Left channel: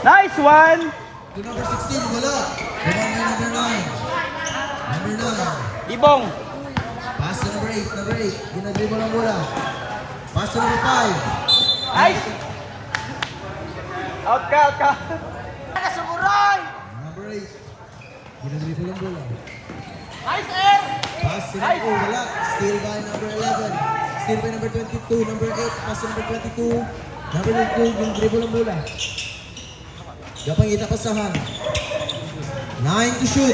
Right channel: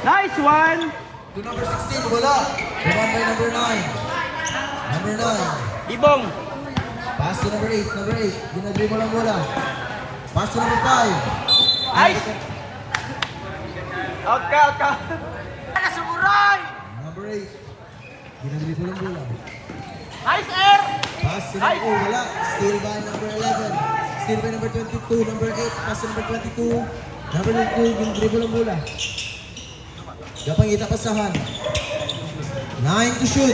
Nice one! Number 16, wala. Number 9. Number 9. Ibong. Pass to number 8. Number 8. Ginadribble ang bola. Pass to number 5. Nice! Out ka, out ka. Number 8. Ginadribble ang bola. Nice air! Pass to number 2. Wala. Steal by number 11. Steal by number 22. Number 8. Pass to number 22. Number 22. Ginadribble ang bola. Gapang kita pasahan. 9 to shoot.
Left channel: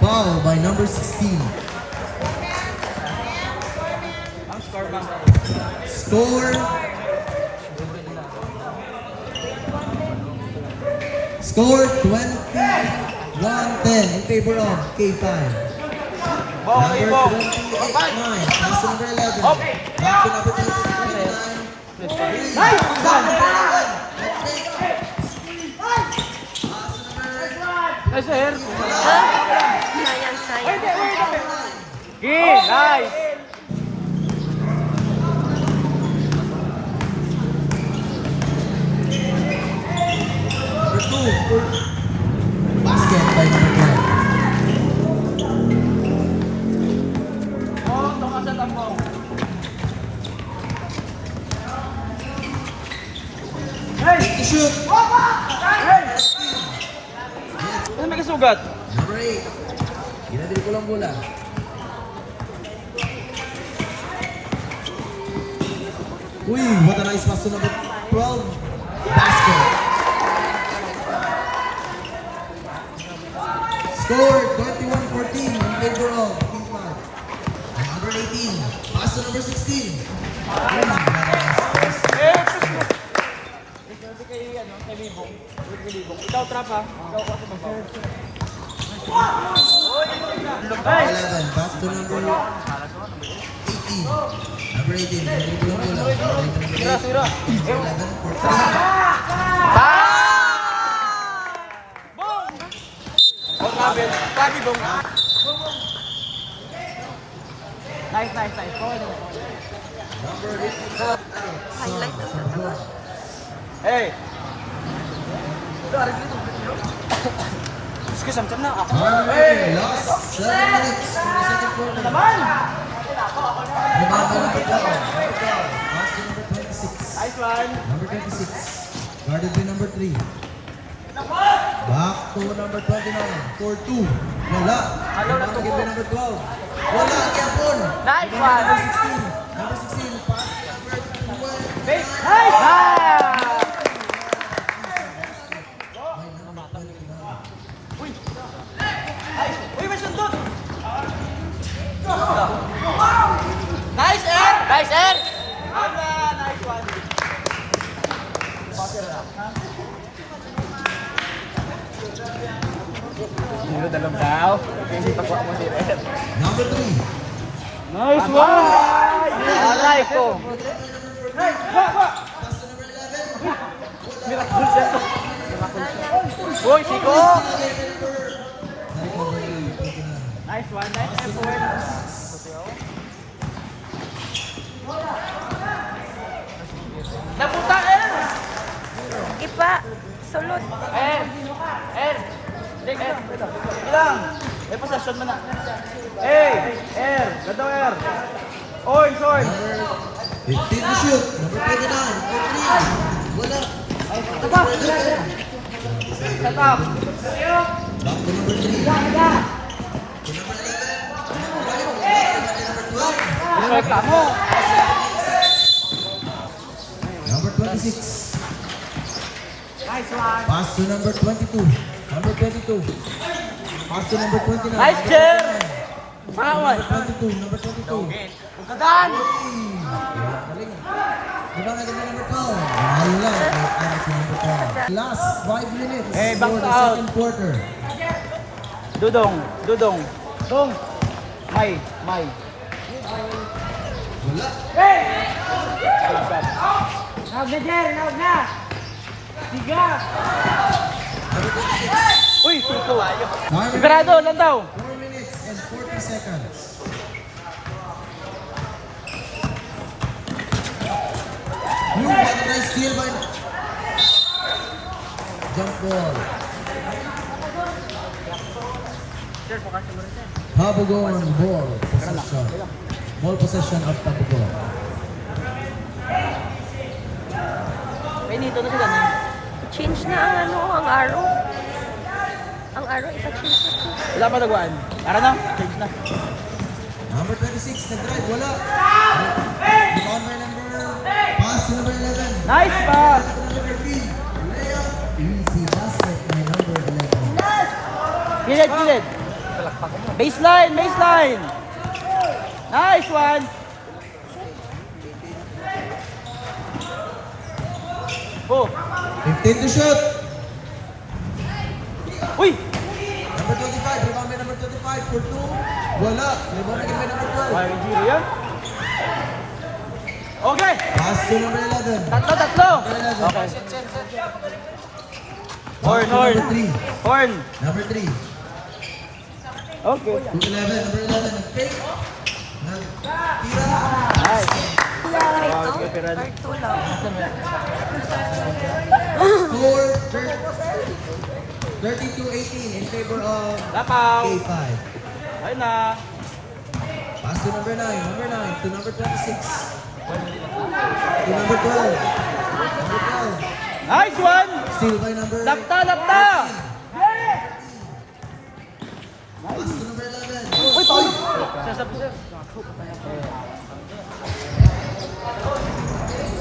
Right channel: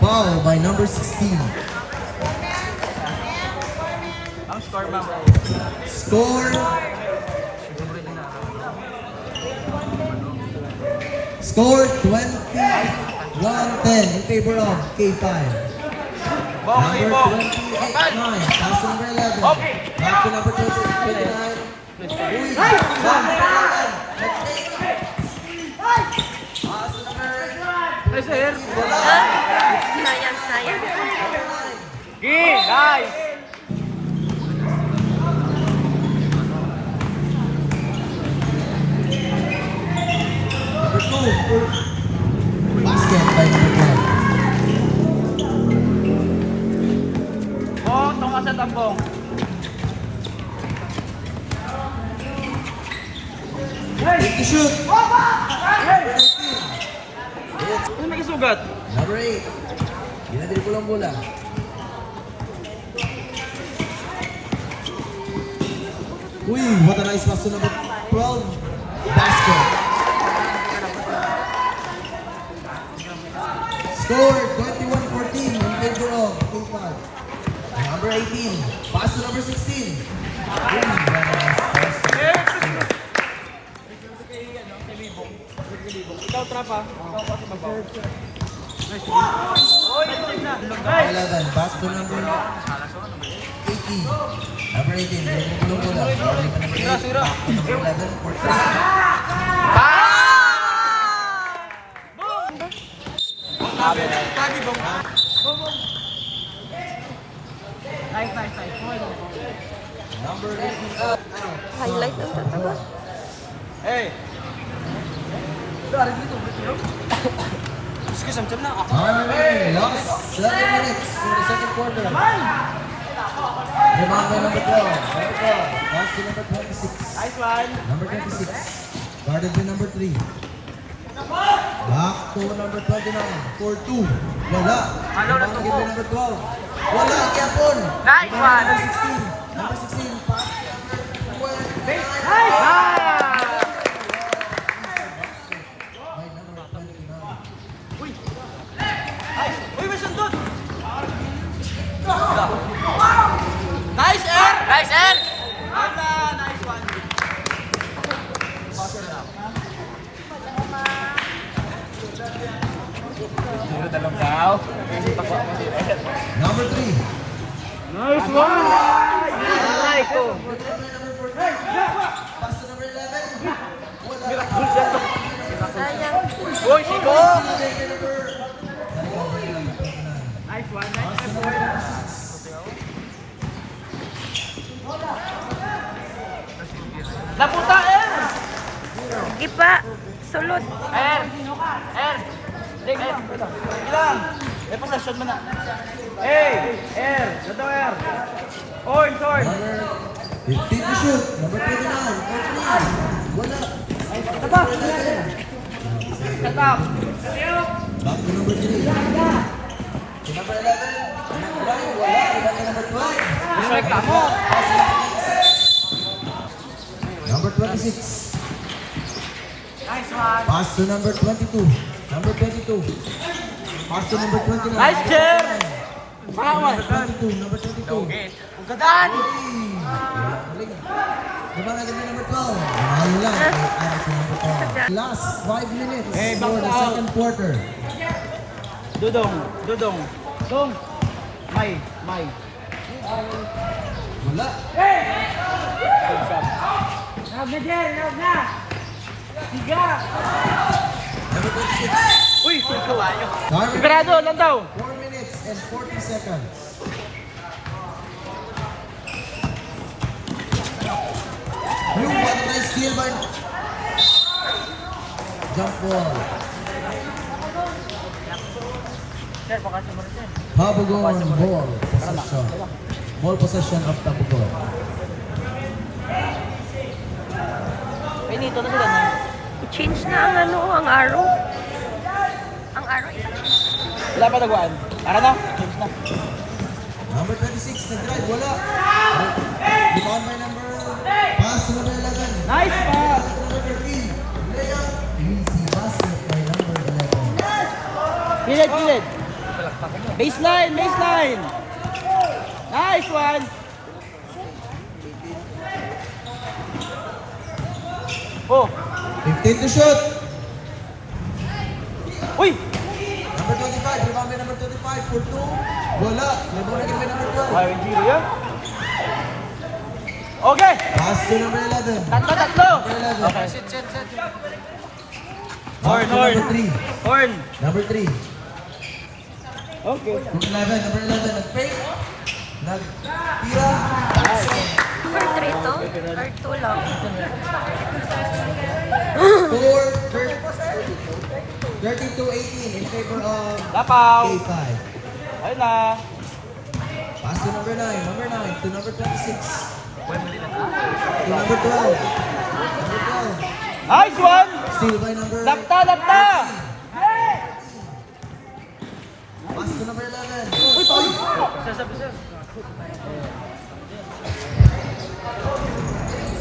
Foul by number 16. Score. Score 21-10 in favor of K5. Number 28, 9. Pass to number 11. Back to number 29. Nice air. Sayang, sayang. Nice! Number 2. Basket by number 12. To shoot. Ano may kasugat? Number 8. Ginadribble ang bola. Uy, what a nice pass to number 12. Basket. Score 21-14 in favor of K5. Number 18. Pass to number 16. Ikaw trapa. Number 11. Pass to number 18. Number 18. Ginadribble ang bola. Sira. Number 11 for 3. Sabi bong. Nice. Highlight ang tataba. Hey. Excuse me, na ako. Alright, last 7 minutes to the second quarter. Number 12. Pass to number 26. Nice one. Number 26. Guarded by number 3. Back to number 29. 4-2. Wala. Rebound again by number 12. Wala. Kiapon. Nice one. Number 16. Number 16. Pass to Uy, may sundot! Nice air! Nice, sir. Nice one! Mula dalam daw. number 3. Nice one! Alay ko! Sayang. Uy, sigo! Nice one, nice effort. Napunta air! Sige pa. Sulot. Ilang! Eh, possession mo na. Hey! Air! Gato air! Orange! Number 15 to shoot. Number 29. Number 3. Wala. Tapa! Tapa! Back to number 3. To number 11. Back to number 12. Strike ka mo! Number 26. Pass to number 22. Number 22. Pass to number 29. Nice Number jam! 29. Number 22. Number 22. Pagkadaan! Galing. Diba na ganda number 12? Ayun lang. Para sa number 12. Last 5 minutes Hey, for bounce the out. second quarter. Dudong! Dong! May! Wala. Love na dyan! Love na! Tiga! Number 26. Uy! Suko! Time Sigurado lang daw! 4 minutes and 40 seconds. Yung what a nice steal by... Jump ball. Tabugon ball possession. Ball possession of Tabugon. Benito na sila. I-change na ang arrow. Ang arrow, i-change. Wala pa nagwaan. Ara na. Change na. Number 26, nag-drive, wala. Rebound by number... Pass to number 11. Nice pass. Number 3. Layup. Easy basket by number 11. Gilid. Baseline. Nice one. Oh. 15 to shoot. Uy. Number 25, rebound by number 25 for 2. Wala. Rebound again by number 12. Ay, Nigeria. Okay. Pass to number 11. Tatlo. Number 11. Okay. Pass to number 3. Horn. Number 3. Okay. To 11, number 11. Nag-fake. Nag-tira. Nice. Or 2 lang. Score 32-18 in favor of Lakaw. K5. Ayun na. Pass to number 9. Number 9 to number 26. To number 12. Number 12. Nice one. Steal by number... Lapta. Pass to number 11. Uy, Paulo.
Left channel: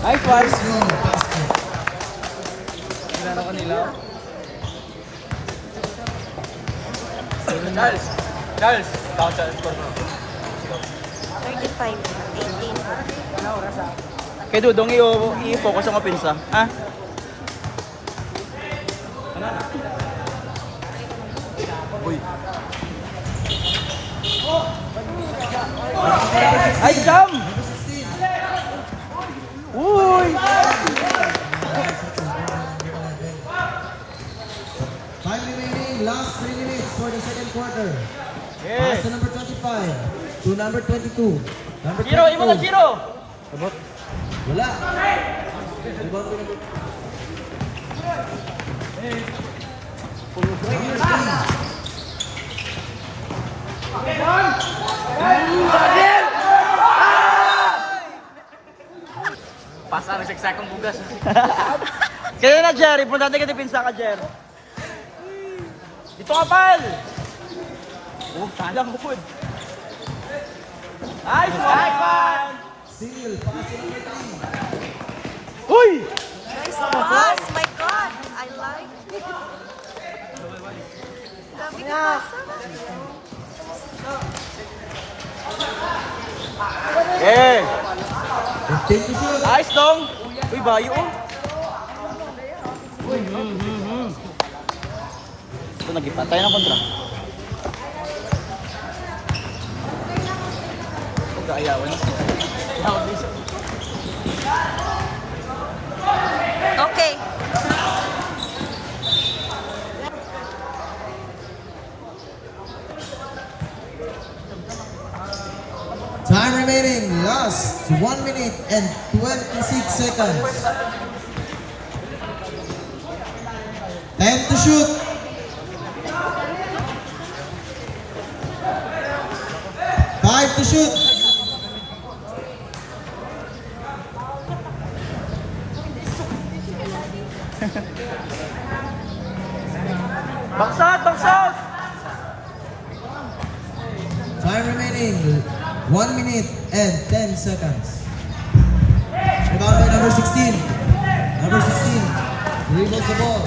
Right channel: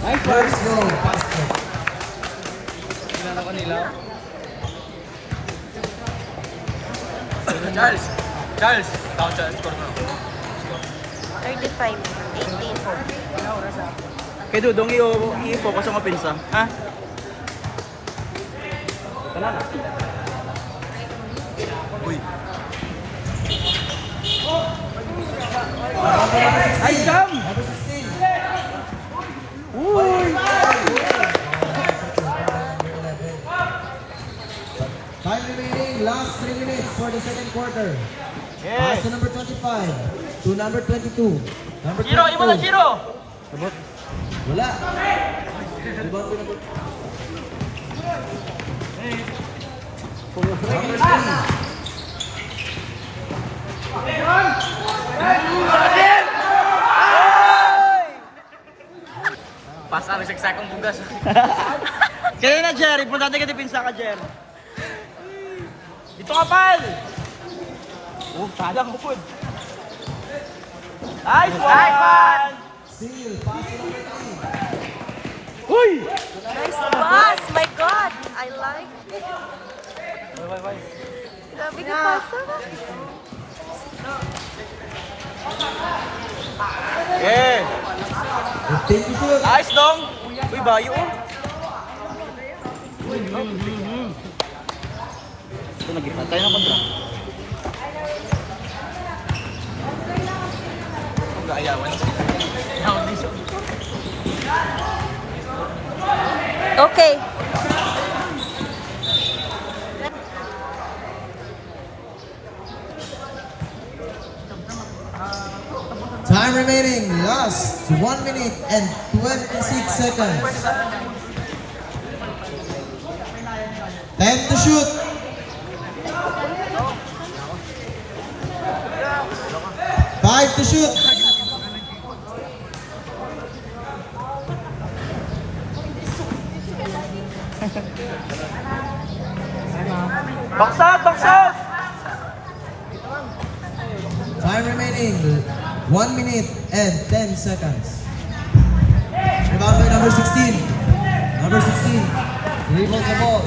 Nice one. Let's go. Basket. Charles. 35. 18. Kay Dudong, i-focus ang opensa. Ha? Ay, jump! Uy! Time remaining. Last 3 minutes for the second quarter. Pass to number 25. To number 22. Number 22. Zero! Wala. Rebound to number... Pasang siksakang bugas. Kaya na, Jerry. Punta natin ka dipinsa ka, Jer. Dito ka, pal! Oh, palang bukod. Nice one! Steal. Pass to number 3. Uy! Nice pass! My God! I like it. Grabe ka pasa. Eh! 15 to shoot. Nice, Dong! Uy, bayo! Ito, nag-ipantay na kontra. Okay. Time remaining. Last 1 minute and 26 seconds. 10 to shoot. 5 to shoot. Baksat! Time remaining. 1 minute and 10 seconds. Rebound by number 16. Number 16. Dribbles the ball.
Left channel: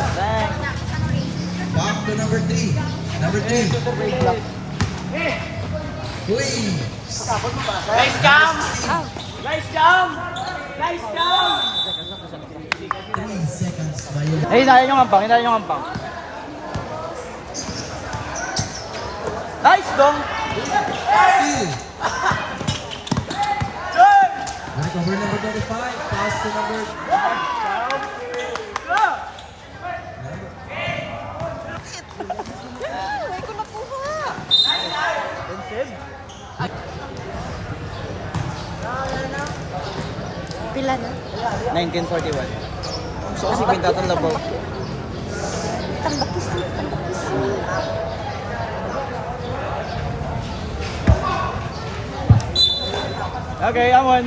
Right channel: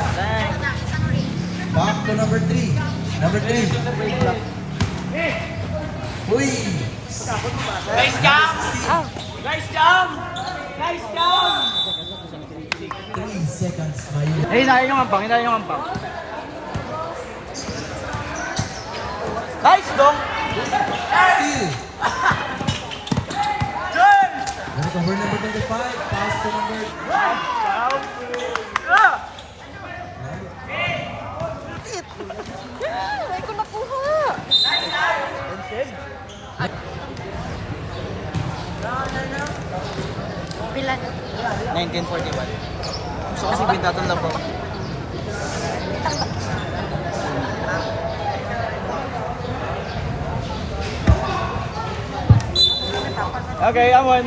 Back to number 3. Number 3. Uy! Ah, Nice jump! 3 seconds by you. Eh, hinayin yung hampang. Nice, Dong! Steal. Recover number 25. Pass to number... Huwag ko nakuha. Pila na? 1941. Gusto kasi bintatong na bro. Okay, Amon.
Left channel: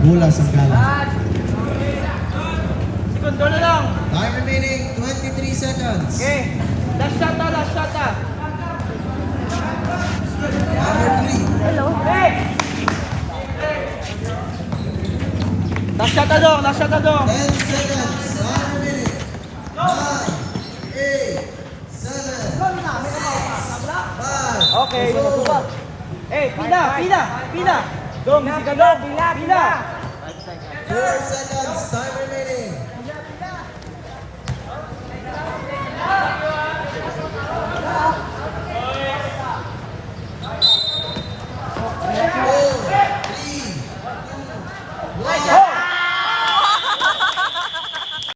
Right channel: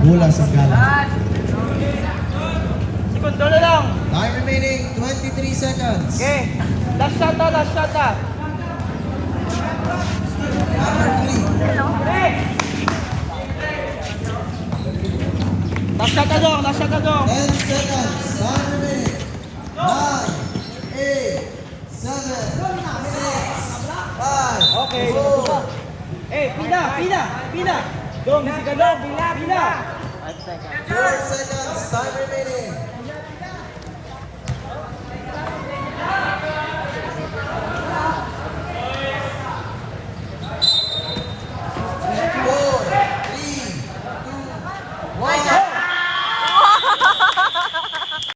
Bola Sanggala. Segundo na lang. Time remaining 23 seconds. Okay. Last shot na, last shot na. Number 3. Hey! Last shot na dong, last shot na dong. 10 seconds. Time remaining. 9, 8, 7, 5. Okay. Eh, pina, pina, pina. Dong, si ka dong, pina, pina. 4 seconds. Time remaining.